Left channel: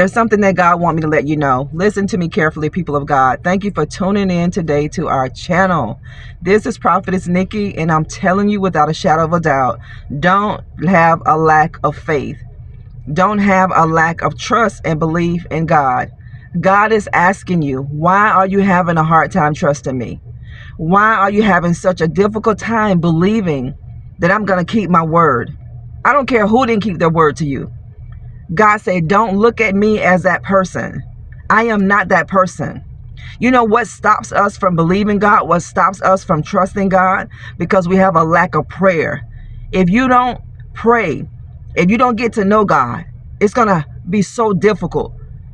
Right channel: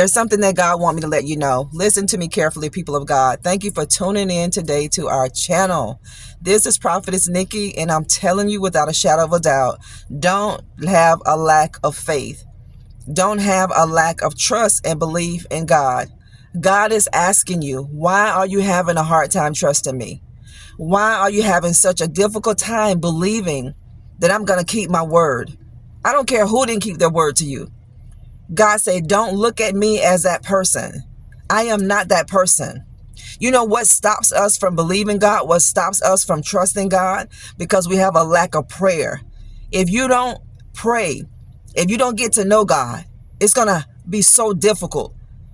There's something that God wants me to let you know. Listen to me carefully, people of God. Thank you for tuning in today to our channel. This is Prophetess Nikki, and I'm telling you without a shadow of a doubt, don't have a lack of faith. Don't have a lack of trust and belief in God. God is asking you, why are you having a hard time trusting me? Why are you having such a difficult time believing that I'm going to keep my word? I don't care who didn't keep their word to you. God said, don't look at me as that person. I am not that person. You know what stops us from believing God? What stops us from trusting God? Because we have a lack of prayer. If you don't pray, if you don't get to know God, it's going to be so difficult.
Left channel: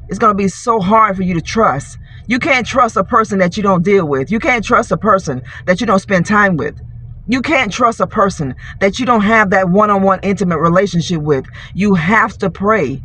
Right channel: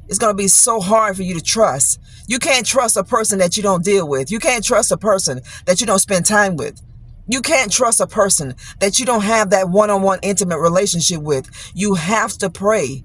It's going to be so hard for you to trust. You can't trust a person that you don't deal with. You can't trust a person that you don't spend time with. You can't trust a person that you don't have that one-on-one intimate relationship with. You have to pray.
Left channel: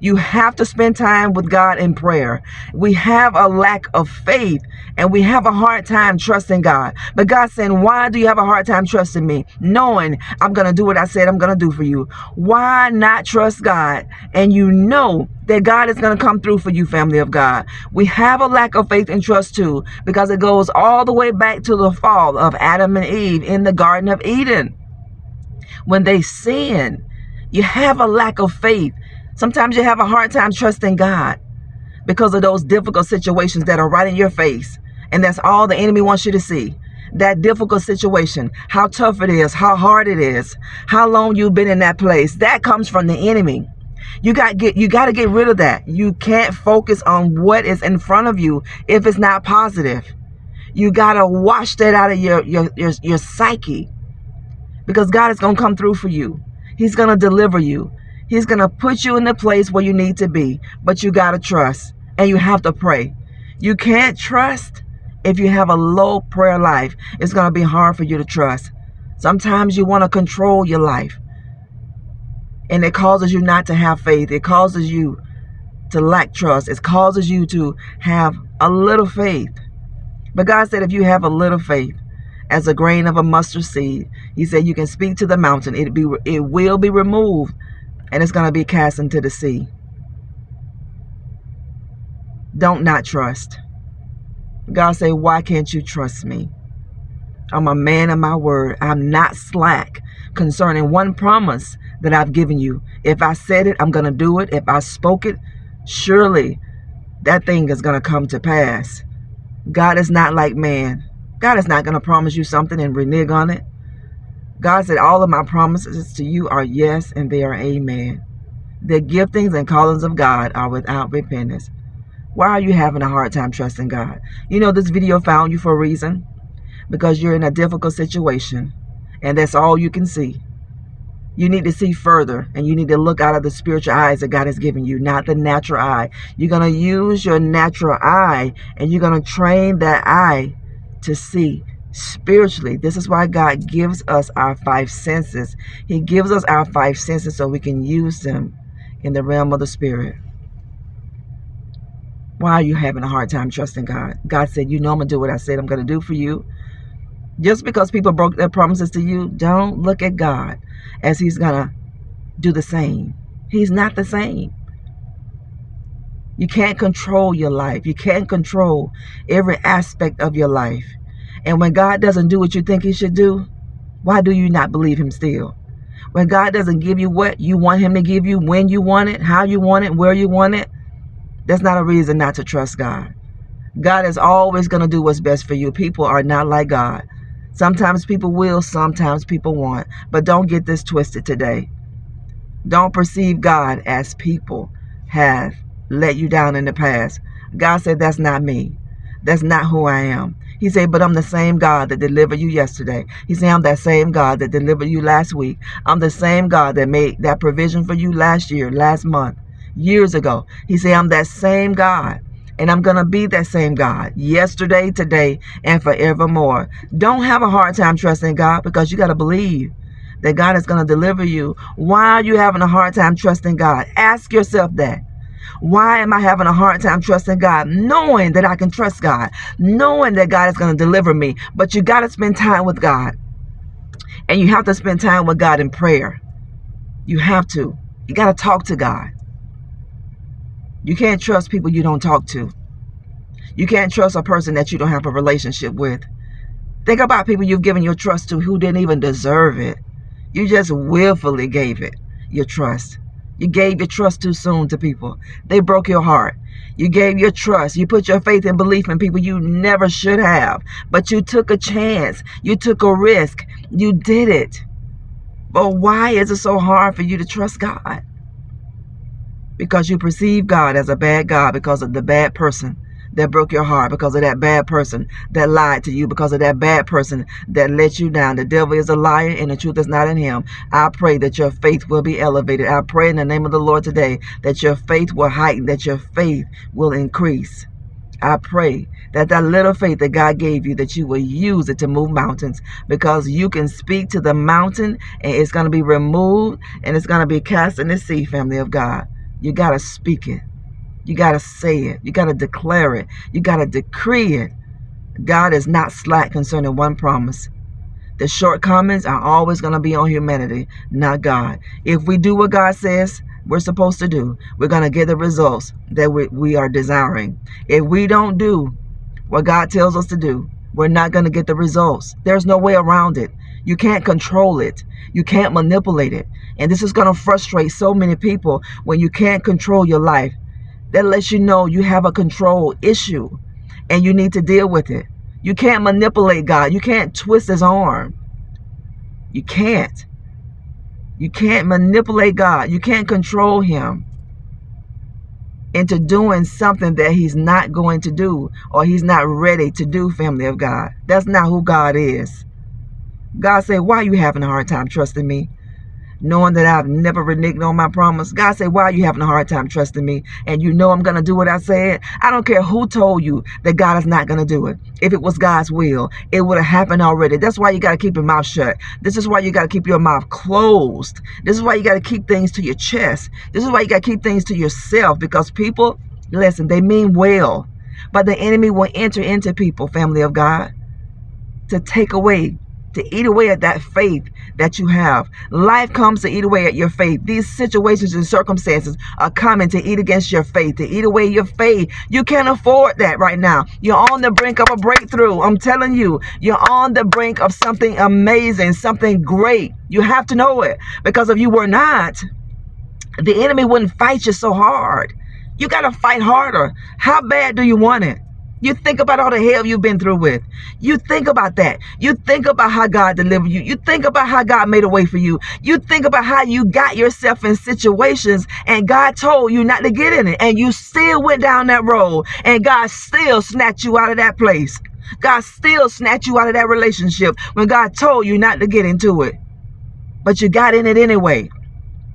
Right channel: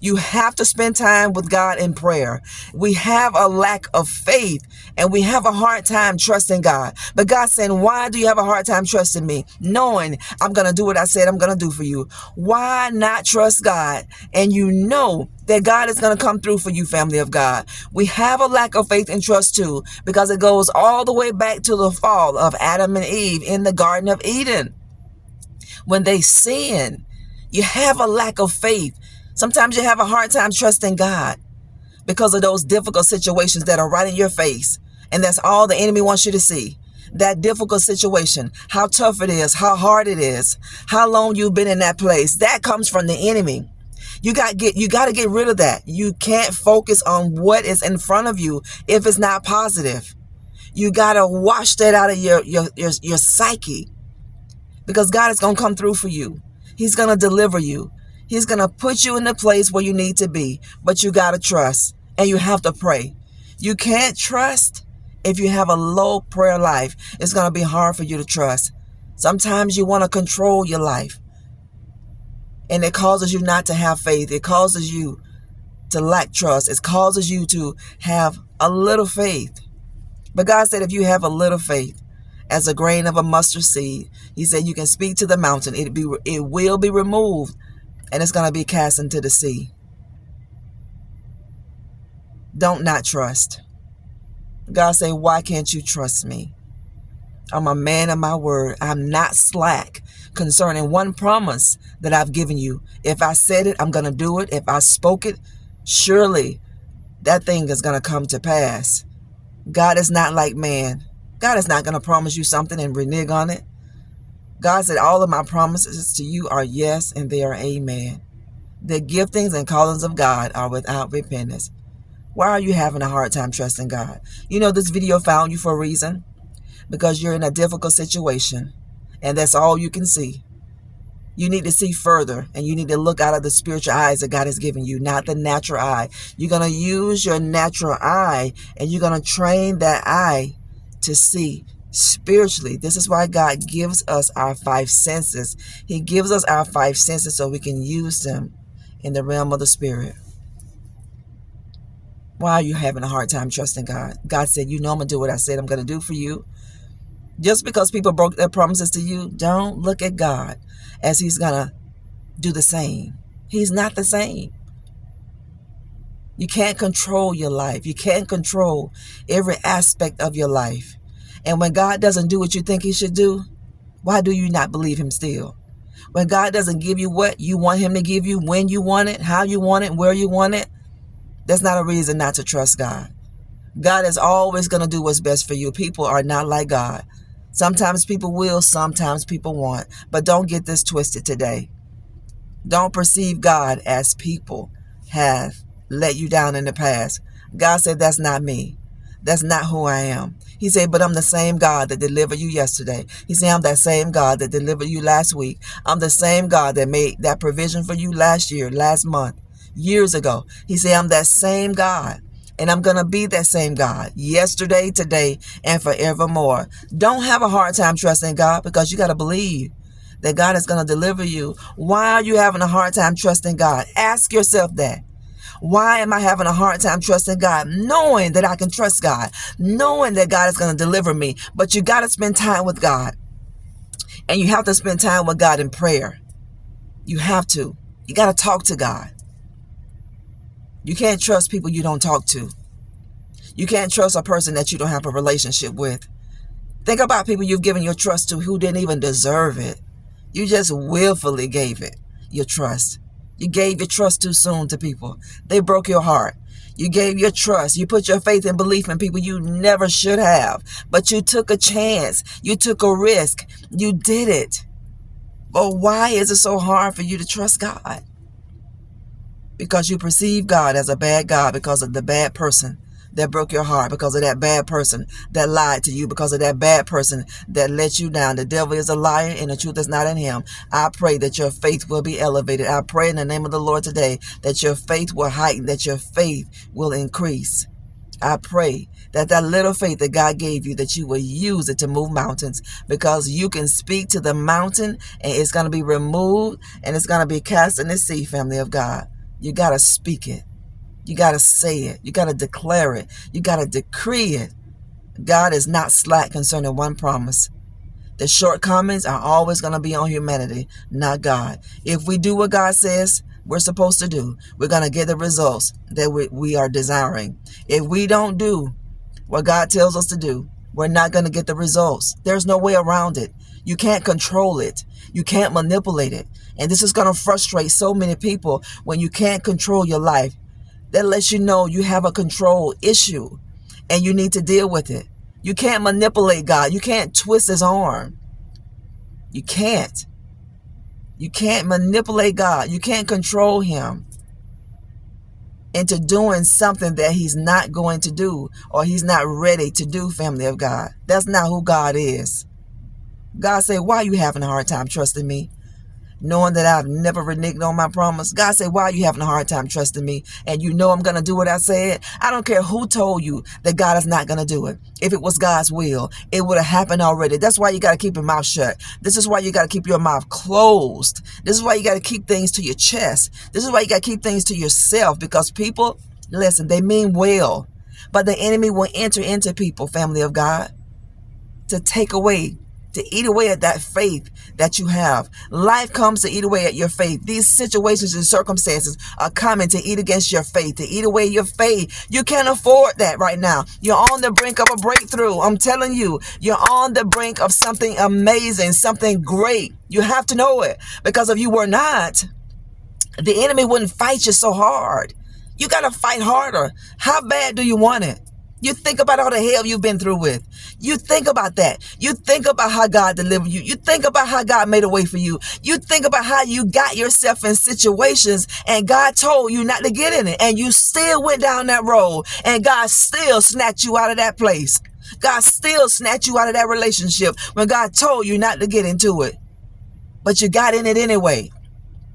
You have to spend time with God in prayer. We have a lack of faith and we have a hard time trusting God. But God's saying, why do you have a hard time trusting me? Knowing I'm going to do what I said I'm going to do for you. Why not trust God? And you know that God is going to come through for you, family of God. We have a lack of faith and trust too, because it goes all the way back to the fall of Adam and Eve in the Garden of Eden. When they sinned, you have a lack of faith. Sometimes you have a hard time trusting God because of those difficult situations that are right in your face. And that's all the enemy wants you to see. That difficult situation, how tough it is, how hard it is, how long you've been in that place. That comes from the enemy. You got to get rid of that. You can't focus on what is in front of you if it's not positive. You got to wash that out of your psyche, because God is going to come through for you. He's going to deliver you. He's going to put you in the place where you need to be, but you got to trust and you have to pray. You can't trust if you have a low prayer life. It's going to be hard for you to trust. Sometimes you want to control your life, and it causes you not to have faith. It causes you to lack trust. It causes you to have a little faith. But God said, if you have a little faith, as a grain of a mustard seed, He said you can speak to the mountain. It will be removed, and it's going to be cast into the sea. Don't not trust. God said, why can't you trust me? I'm a man of my word. I'm not slack concerning one promise that I've given you. If I said it, I'm going to do it. If I spoke it, surely that thing is going to come to pass. God is not like man. God is not going to promise you something and renege on it. God said all of my promises to you are yes, and they are amen. The giftings and callings of God are without repentance. Why are you having a hard time trusting God? You know, this video found you for a reason, because you're in a difficult situation, and that's all you can see. You need to see further, and you need to look out of the spiritual eyes that God has given you, not the natural eye. You're going to use your natural eye, and you're going to train that eye to see spiritually. This is why God gives us our five senses. He gives us our five senses so we can use them in the realm of the spirit. Why are you having a hard time trusting God? God said, you know I'm going to do what I said I'm going to do for you. Just because people broke their promises to you, don't look at God as He's going to do the same. He's not the same. You can't control your life. You can't control every aspect of your life. And when God doesn't do what you think He should do, why do you not believe Him still? When God doesn't give you what you want Him to give you, when you want it, how you want it, where you want it, that's not a reason not to trust God. God is always going to do what's best for you. People are not like God. Sometimes people will, sometimes people won't. But don't get this twisted today. Don't perceive God as people have let you down in the past. God said, that's not me. That's not who I am. He said, but I'm the same God that delivered you yesterday. He said, I'm that same God that delivered you last week. I'm the same God that made that provision for you last year, last month, years ago. He said, I'm that same God. And I'm going to be that same God yesterday, today, and forevermore. Don't have a hard time trusting God, because you got to believe that God is going to deliver you. Why are you having a hard time trusting God? Ask yourself that. Why am I having a hard time trusting God? Knowing that I can trust God, knowing that God is going to deliver me. But you got to spend time with God. And you have to spend time with God in prayer. You have to. You got to talk to God. You can't trust people you don't talk to. You can't trust a person that you don't have a relationship with. Think about people you've given your trust to who didn't even deserve it. You just willfully gave it your trust. You gave your trust too soon to people. They broke your heart. You gave your trust. You put your faith and belief in people you never should have. But you took a chance. You took a risk. You did it. But why is it so hard for you to trust God? Because you perceive God as a bad God because of the bad person that broke your heart, because of that bad person that lied to you, because of that bad person that let you down. The devil is a liar and the truth is not in him. I pray that your faith will be elevated. I pray in the name of the Lord today that your faith will heighten, that your faith will increase. I pray that that little faith that God gave you, that you will use it to move mountains, because you can speak to the mountain and it's going to be removed and it's going to be cast in the sea, family of God. You got to speak it. You got to say it. You got to declare it. You got to decree it. God is not slack concerning one promise. The shortcomings are always going to be on humanity, not God. If we do what God says we're supposed to do, we're going to get the results that we are desiring. If we don't do what God tells us to do, we're not going to get the results. There's no way around it. You can't control it. You can't manipulate it. And this is going to frustrate so many people when you can't control your life. That lets you know you have a control issue and you need to deal with it. You can't manipulate God. You can't twist his arm. You can't. You can't manipulate God. You can't control him into doing something that he's not going to do or he's not ready to do, family of God. That's not who God is. God said, why are you having a hard time trusting me? Knowing that I've never reneged on my promise. God said, why are you having a hard time trusting me? And you know I'm going to do what I said. I don't care who told you that God is not going to do it. If it was God's will, it would have happened already. That's why you got to keep your mouth shut. This is why you got to keep your mouth closed. This is why you got to keep things to your chest. This is why you got to keep things to yourself, because people, listen, they mean well, but the enemy will enter into people, family of God, to take away, to eat away at that faith that you have. Life comes to eat away at your faith. These situations and circumstances are coming to eat against your faith, to eat away your faith. You can't afford that right now. You're on the brink of a breakthrough. I'm telling you, you're on the brink of something amazing, something great. You have to know it, because if you were not, the enemy wouldn't fight you so hard. You got to fight harder. How bad do you want it? You think about all the hell you've been through with. You think about that. You think about how God delivered you. You think about how God made a way for you. You think about how you got yourself in situations and God told you not to get in it. And you still went down that road and God still snatched you out of that place. God still snatched you out of that relationship when God told you not to get into it. But you got in it anyway.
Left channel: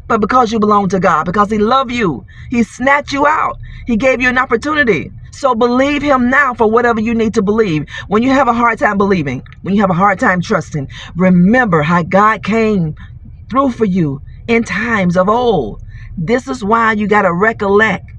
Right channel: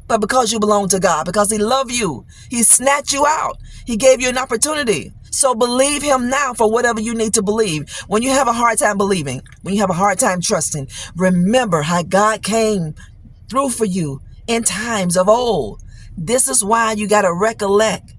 But because you belong to God, because he loved you, he snatched you out. He gave you an opportunity. So believe him now for whatever you need to believe. When you have a hard time believing, when you have a hard time trusting, remember how God came through for you in times of old. This is why you got to recollect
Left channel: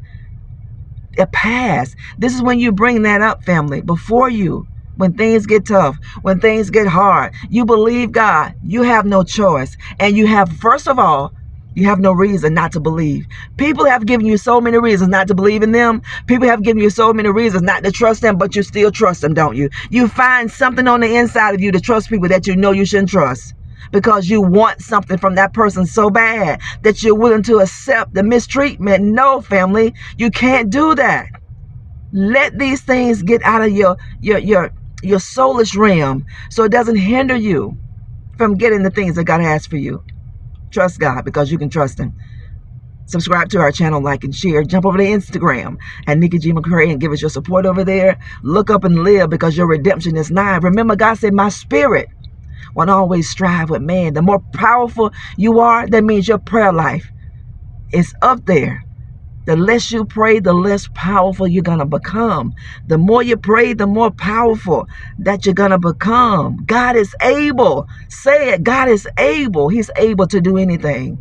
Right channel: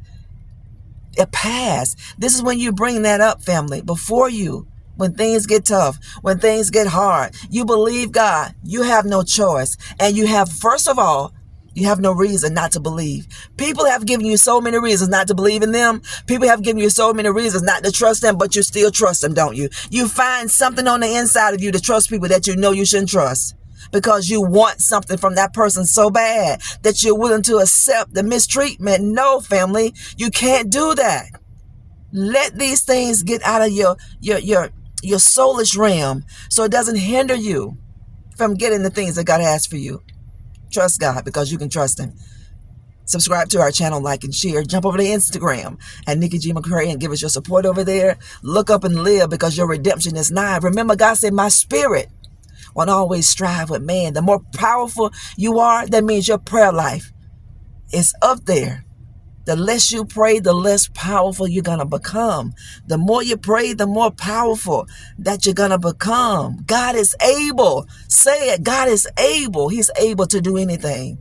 the past. This is when you bring that up, family, before you. When things get tough, when things get hard, you believe God. You have no choice. And you have, first of all, you have no reason not to believe. People have given you so many reasons not to believe in them. People have given you so many reasons not to trust them, but you still trust them, don't you? You find something on the inside of you to trust people that you know you shouldn't trust, because you want something from that person so bad that you're willing to accept the mistreatment. No, family, you can't do that. Let these things get out of your soulish realm so it doesn't hinder you from getting the things that God has for you. Trust God, because you can trust him. Subscribe to our channel, like and share. Jump over to Instagram at Nikki G. McCray and give us your support over there. Look up and live, because your redemption is nigh. Remember, God said, my spirit won't always strive with man. The more powerful you are, that means your prayer life is up there. The less you pray, the less powerful you're going to become. The more you pray, the more powerful that you're going to become. God is able. Say it. God is able. He's able to do anything.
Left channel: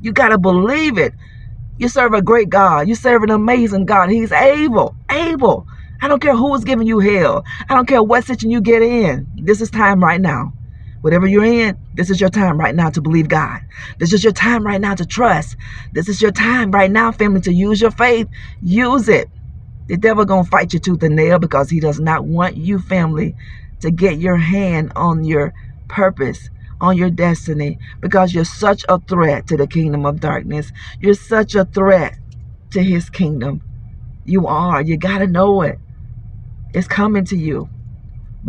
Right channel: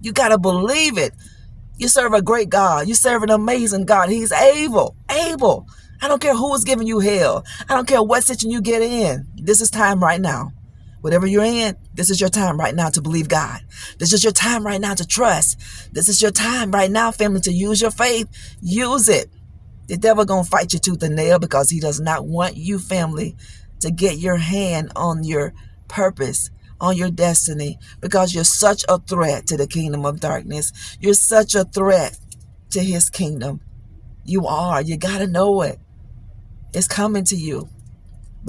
You got to believe it. You serve a great God. You serve an amazing God. He's able. Able. I don't care who's giving you hell. I don't care what situation you get in. This is time right now Whatever you're in, this is your time right now to believe God. This is your time right now to trust. This is your time right now, family, to use your faith. Use it. The devil gonna fight you tooth and nail because he does not want you, family, to get your hand on your purpose, on your destiny, because you're such a threat to the kingdom of darkness. You're such a threat to his kingdom. You are. You gotta know it. It's coming to you.